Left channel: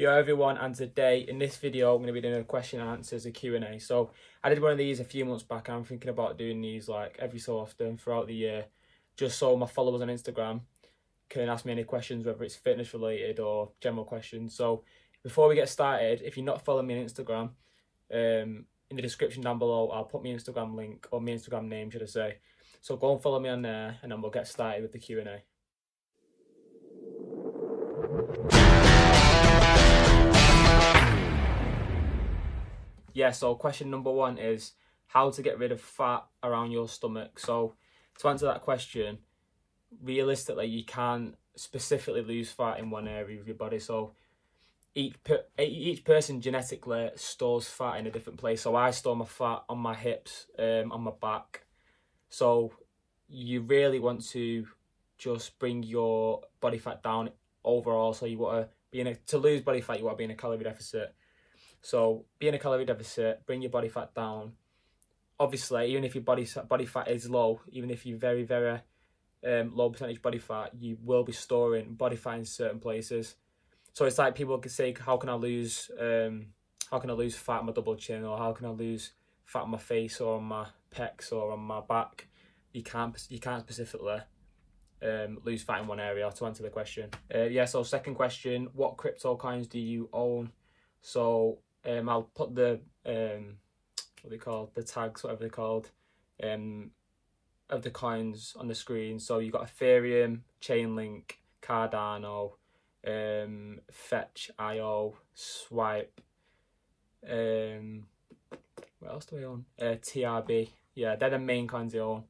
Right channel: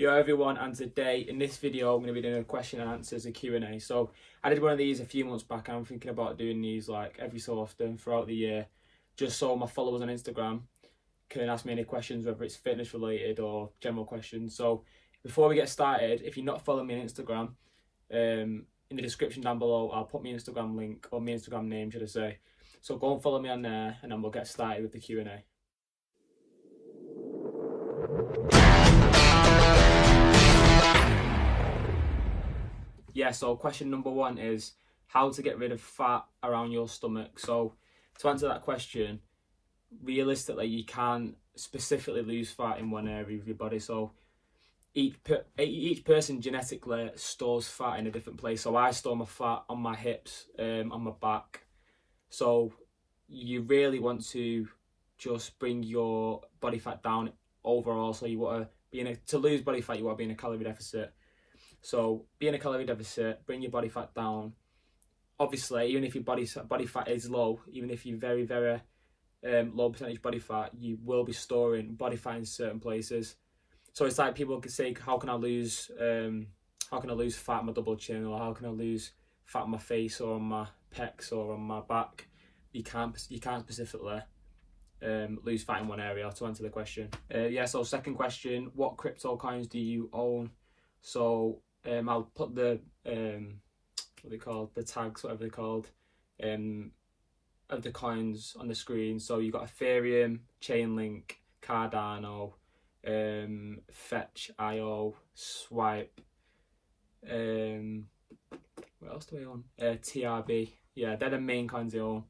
Yo everyone, and today in this video I'm going to be doing a question and answers, a Q&A. So I did one of these a few months back. I'm thinking about doing these like every so often throughout the year, just so my followers on Instagram can ask me any questions, whether it's fitness related or general questions. So before we get started, if you're not following me on Instagram, in the description down below I'll put my Instagram link, or my Instagram name should I say. So go and follow me on there and then we'll get started with the Q&A. Yeah, so question number one is how to get rid of fat around your stomach. So to answer that question, realistically you can't specifically lose fat in one area of your body. So each person genetically stores fat in a different place. So I store my fat on my hips, on my back. So you really want to just bring your body fat down overall. So you want to lose body fat, you want to be in a calorie deficit. So be in a calorie deficit, bring your body fat down. Obviously, even if your body fat is low, even if you're very, very low percentage body fat, you will be storing body fat in certain places. So it's like people could say, how can I lose fat on my double chin, or how can I lose fat on my face or on my pecs or on my back? You can't specifically lose fat in one area, to answer the question. Yeah, so second question, what crypto coins do you own? So I'll put the what they called, the tags, whatever they're called, of the coins on the screen. So you've got Ethereum, Chainlink, Cardano, Fetch.io, Swipe, what else do I own? TRB. Yeah, they're the main coins I own.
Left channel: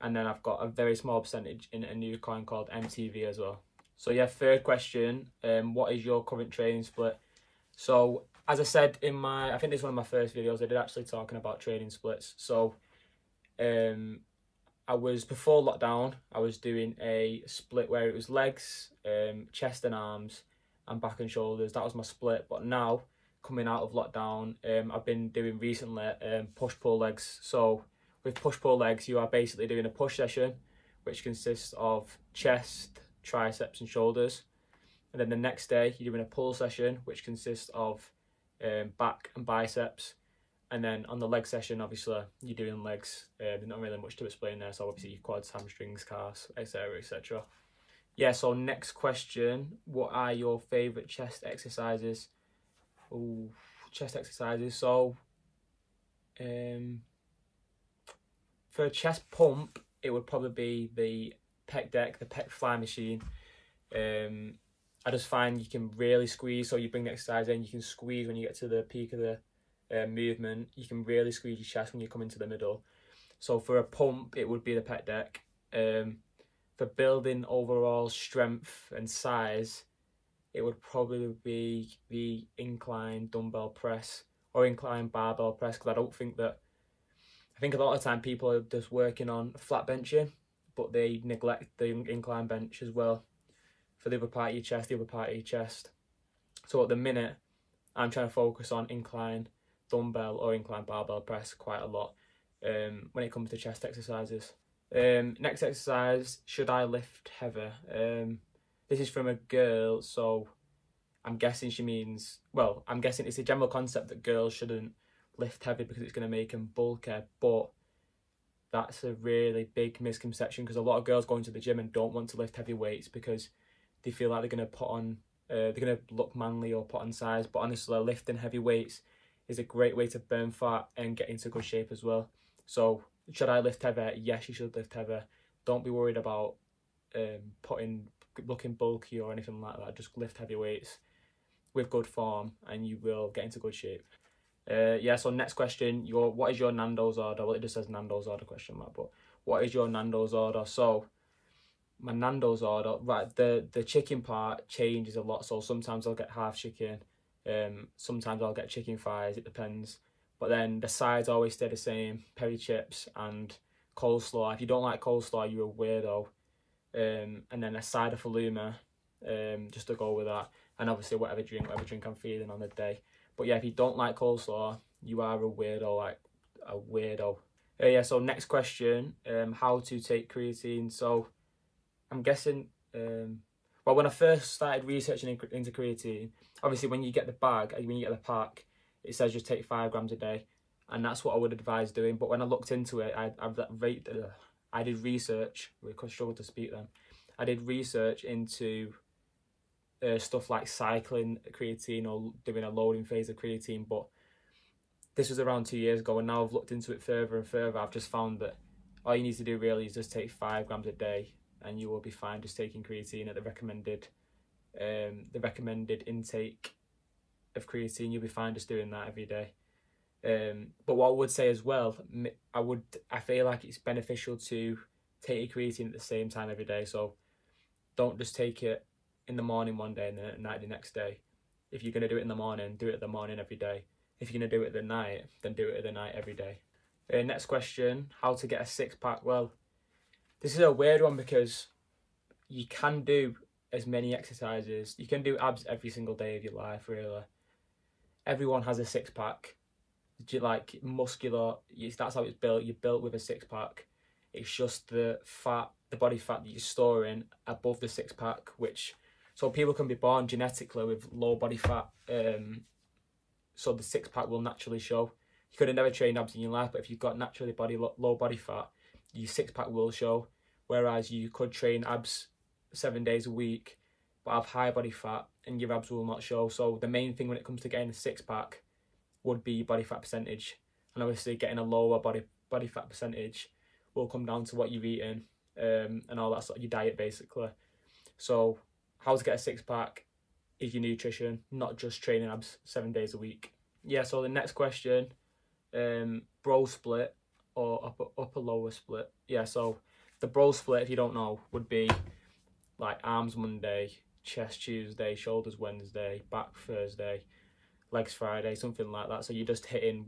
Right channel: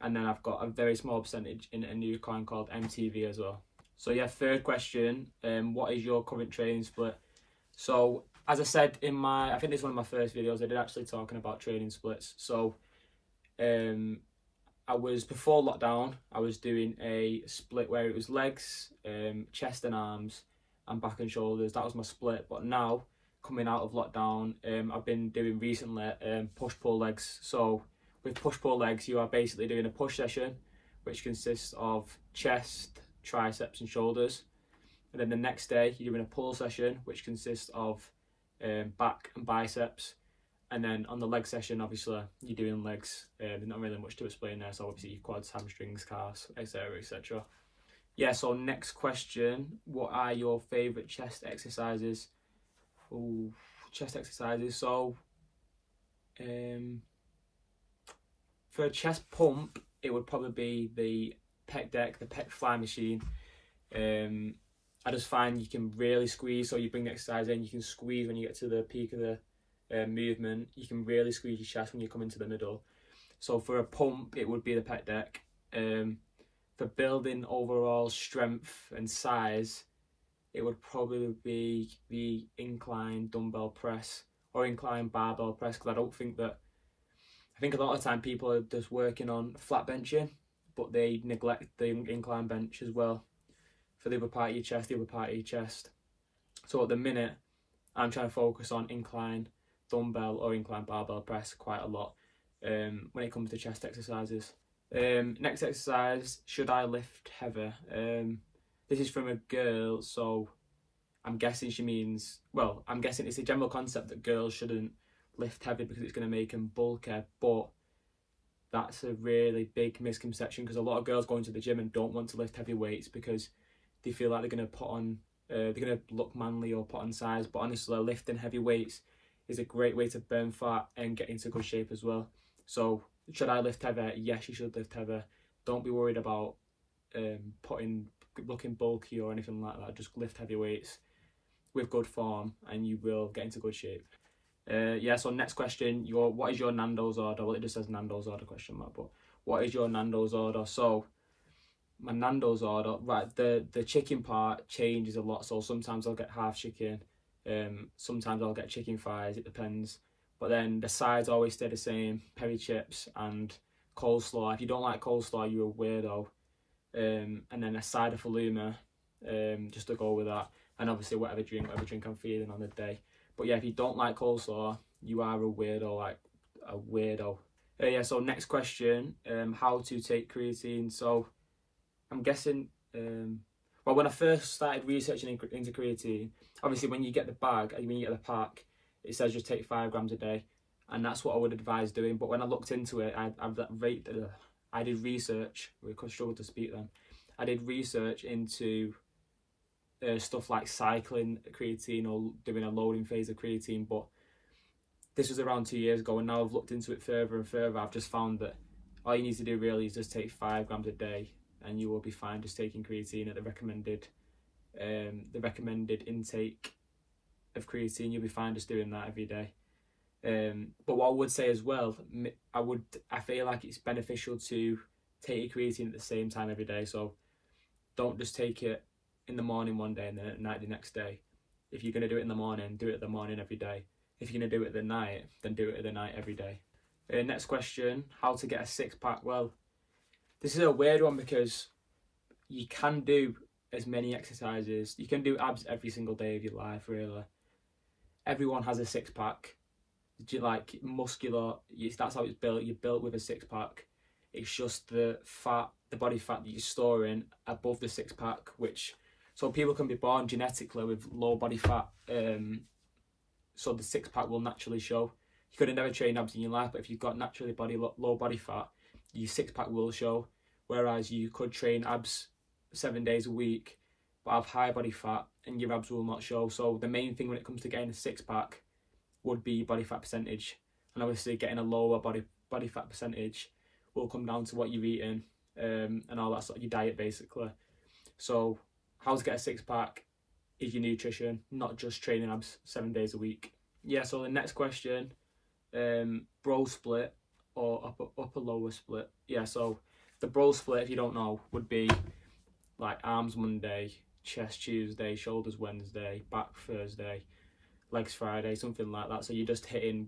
And then I've got a very small percentage in a new coin called MTV as well. So yeah, third question, what is your current trading split? So as I said in I think this is one of my first videos, I did actually talking about trading splits. So before lockdown, I was doing a split where it was legs, chest and arms, and back and shoulders. That was my split. But now, coming out of lockdown, I've been doing recently push-pull legs. So with push-pull legs, you are basically doing a push session, which consists of chest, triceps and shoulders. And then the next day, you're doing a pull session, which consists of back and biceps. And then on the leg session, obviously, you're doing legs. There's not really much to explain there. So obviously, your quads, hamstrings, calves, etc., etc. Yeah, so next question. What are your favourite chest exercises? Oh, chest exercises. So for a chest pump, it would probably be the pec deck, the pec fly machine. I just find you can really squeeze. So you bring the exercise in, you can squeeze when you get to the peak of the movement. You can really squeeze your chest when you come into the middle. So for a pump, it would be the pec deck. For building overall strength and size, it would probably be the incline dumbbell press or incline barbell press, because I think a lot of the time people are just working on flat benching, but they neglect the incline bench as well for the upper part of your chest, the upper part of your chest. So at the minute, I'm trying to focus on incline dumbbell or incline barbell press quite a lot when it comes to chest exercises. Next exercise, should I lift heavy? This is from a girl, so I'm guessing she means, well, I'm guessing it's a general concept that girls shouldn't lift heavy because it's going to make them bulkier, but that's a really big misconception, because a lot of girls go into the gym and don't want to lift heavy weights because they feel like they're going to look manly or put on size. But honestly, lifting heavy weights is a great way to burn fat and get into good shape as well. So should I lift heavy? Yes, you should lift heavy. Don't be worried about looking bulky or anything like that. Just lift heavy weights with good form and you will get into good shape. Yeah, so next question, what is your Nandos order? Well, it just says Nandos order question mark, but what is your Nandos order? So my Nandos order, right, the chicken part changes a lot. So sometimes I'll get half chicken, sometimes I'll get chicken thighs, it depends. But then the sides always stay the same, peri chips and coleslaw. If you don't like coleslaw, you're a weirdo. And then a side of halloumi, just to go with that. And obviously whatever drink I'm feeling on the day. But yeah, if you don't like coleslaw, you are a weirdo, like a weirdo. Yeah, so next question, how to take creatine. So I'm guessing, well, when I first started researching into creatine, Obviously, when you get the bag, when you get the pack, it says just take 5 grams a day, and that's what I would advise doing. But when I looked into it, I did research. We could struggle to speak then. I did research into stuff like cycling creatine or doing a loading phase of creatine, but this was around 2 years ago, and now I've looked into it further and further. I've just found that all you need to do really is just take 5 grams a day, and you will be fine just taking creatine at the recommended intake of creatine. You'll be fine just doing that every day. But what I would say as well, I feel like it's beneficial to take your creatine at the same time every day. So don't just take it in the morning one day and then at night the next day. If you're going to do it in the morning, do it at the morning every day. If you're going to do it at the night, then do it at the night every day. Next question, how to get a 6-pack? Well, this is a weird one because you can do as many exercises. You can do abs every single day of your life, really. Everyone has a 6-pack. Like muscular, that's how it's built. You're built with a 6-pack. It's just the body fat that you're storing above the 6-pack, so people can be born genetically with low body fat, so the 6-pack will naturally show. You could have never trained abs in your life, but if you've got naturally low body fat, your 6-pack will show. Whereas you could train abs 7 days a week, but have high body fat, and your abs will not show. So the main thing when it comes to getting a 6-pack would be body fat percentage, and obviously getting a lower body fat percentage will come down to what you're eating, and all that sort of your diet basically. So how to get a 6-pack is your nutrition, not just training abs 7 days a week. Yeah, so the next question, bro split or upper lower split. Yeah, so the bro split, if you don't know, would be like arms Monday, chest Tuesday, shoulders Wednesday, back Thursday, legs Friday, something like that. So you're just hitting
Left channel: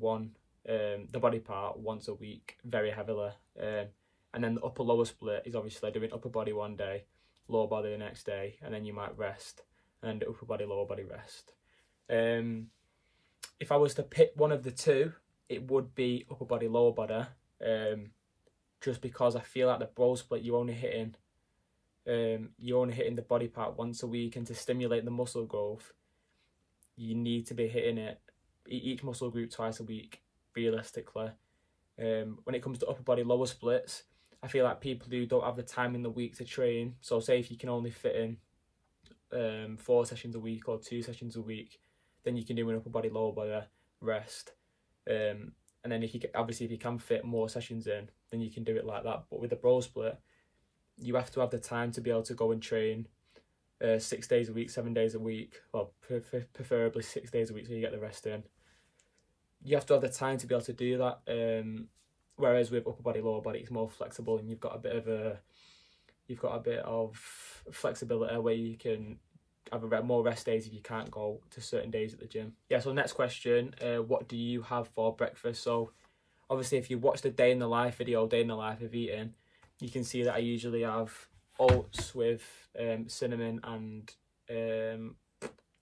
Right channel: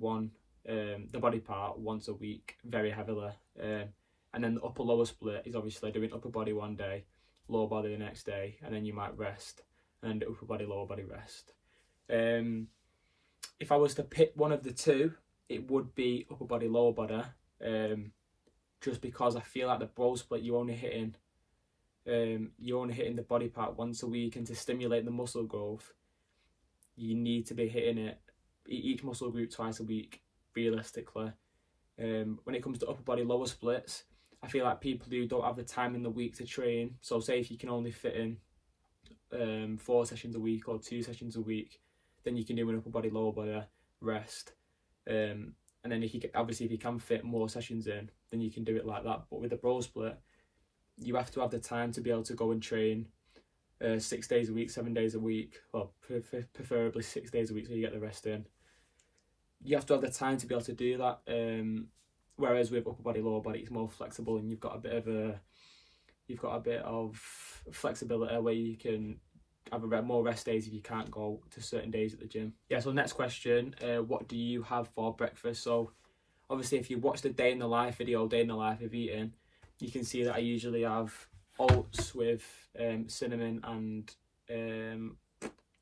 the body part once a week very heavily, and then the upper lower split is obviously doing upper body one day, lower body the next day, and then you might rest, and then the upper body lower body rest. If I was to pick one of the two, it would be upper body lower body, just because I feel like the bro split you're only hitting the body part once a week, and to stimulate the muscle growth you need to be hitting it each muscle group twice a week realistically. When it comes to upper body lower splits, I feel like people who don't have the time in the week to train, so say if you can only fit in 4 sessions a week or 2 sessions a week, then you can do an upper body lower body rest, and then if you can fit more sessions in, then you can do it like that. But with the bro split, you have to have the time to be able to go and train 6 days a week, 7 days a week, well preferably 6 days a week so you get the rest in. You have to have the time to be able to do that, whereas with upper body lower body it's more flexible, and you've got a bit of flexibility where you can have more rest days if you can't go to certain days at the gym. Yeah, so next question, what do you have for breakfast? So obviously if you watch the day in the life video, day in the life of eating, you can see that I usually have oats with cinnamon and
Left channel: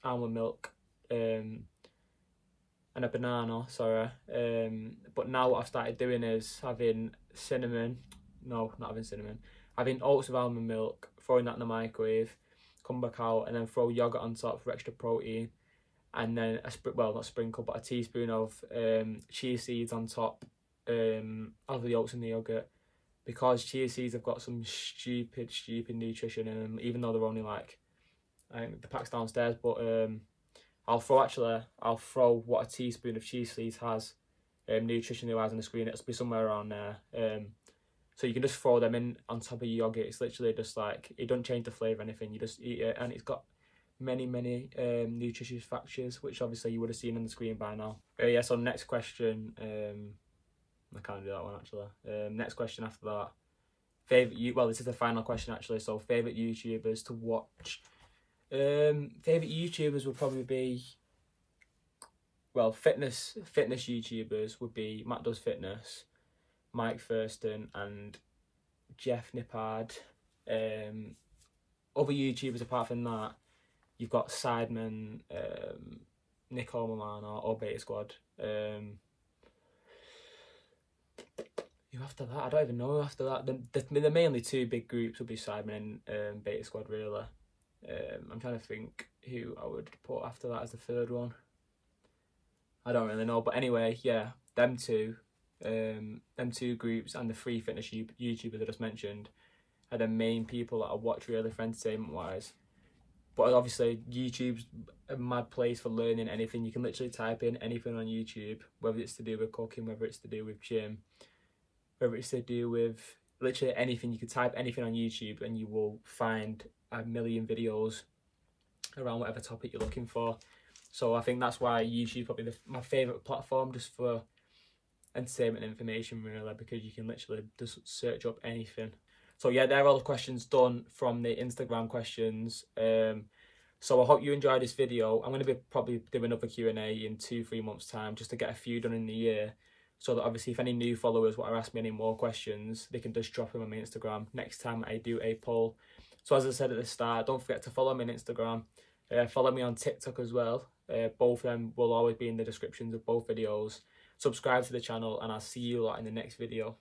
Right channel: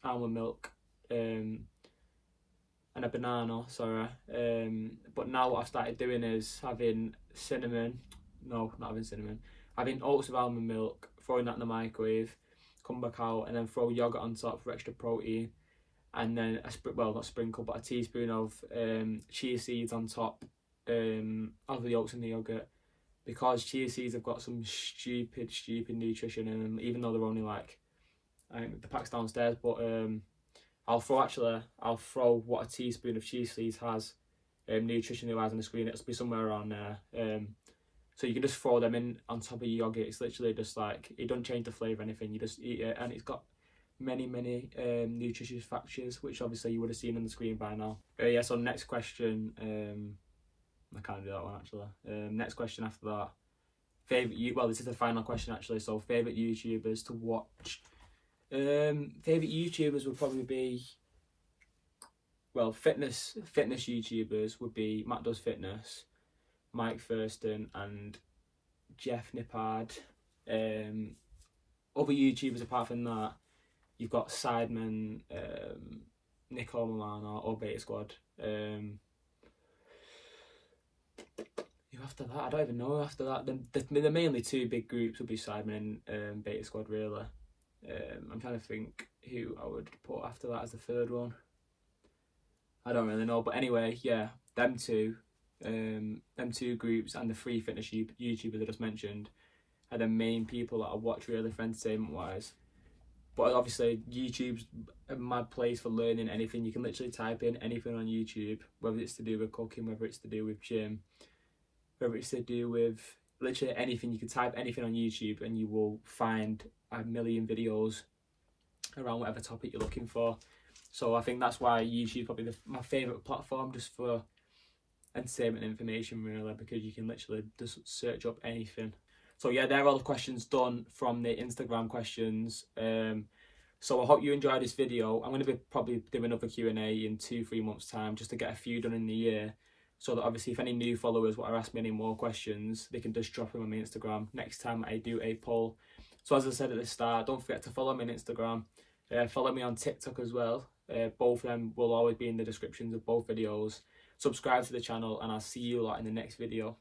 almond milk, and a banana, sorry. But now what I've started doing is having having oats with almond milk, throwing that in the microwave, come back out, and then throw yogurt on top for extra protein, and then a teaspoon of chia seeds on top of the oats and the yogurt, because chia seeds have got some stupid nutrition in them, even though they're only like, I think the pack's downstairs, but I'll throw what a teaspoon of chia seeds has nutritionally wise on the screen. It'll be somewhere around there. So you can just throw them in on top of your yogurt. It's literally just like, it doesn't change the flavour or anything, you just eat it, and it's got many nutritious factors, which obviously you would have seen on the screen by now. Yeah, so next question, I can't do that one actually. Next question after that, this is the final question actually, so favourite YouTubers to watch. Favourite YouTubers would probably be, well, fitness YouTubers would be Matt Does Fitness, Mike Thurston and Jeff Nippard. Other YouTubers apart from that, you've got Sidemen, Nicole Milano or Beta Squad. After that, I don't even know after that. The mainly two big groups would be Sidemen and Beta Squad really. I'm trying to think who I would put after that as the third one. I don't really know, but anyway, yeah, them two groups and the free fitness YouTubers I just mentioned are the main people that I watch really for entertainment wise. But obviously YouTube's a mad place for learning anything. You can literally type in anything on YouTube, whether it's to do with cooking, whether it's to do with gym, whether it's to do with literally anything. You can type anything on YouTube and you will find a million videos around whatever topic you're looking for. So I think that's why YouTube is probably my favourite platform, just for entertainment and information really, because you can literally just search up anything. So yeah, there are all the questions done from the Instagram questions. So I hope you enjoyed this video. I'm going to be probably doing another Q&A in 2-3 months time, just to get a few done in the year, so that obviously if any new followers want to ask me any more questions, they can just drop them on my Instagram next time I do a poll. So as I said at the start, don't forget to follow me on Instagram. Follow me on TikTok as well. Both of them will always be in the descriptions of both videos. Subscribe to the channel, and I'll see you lot in the next video.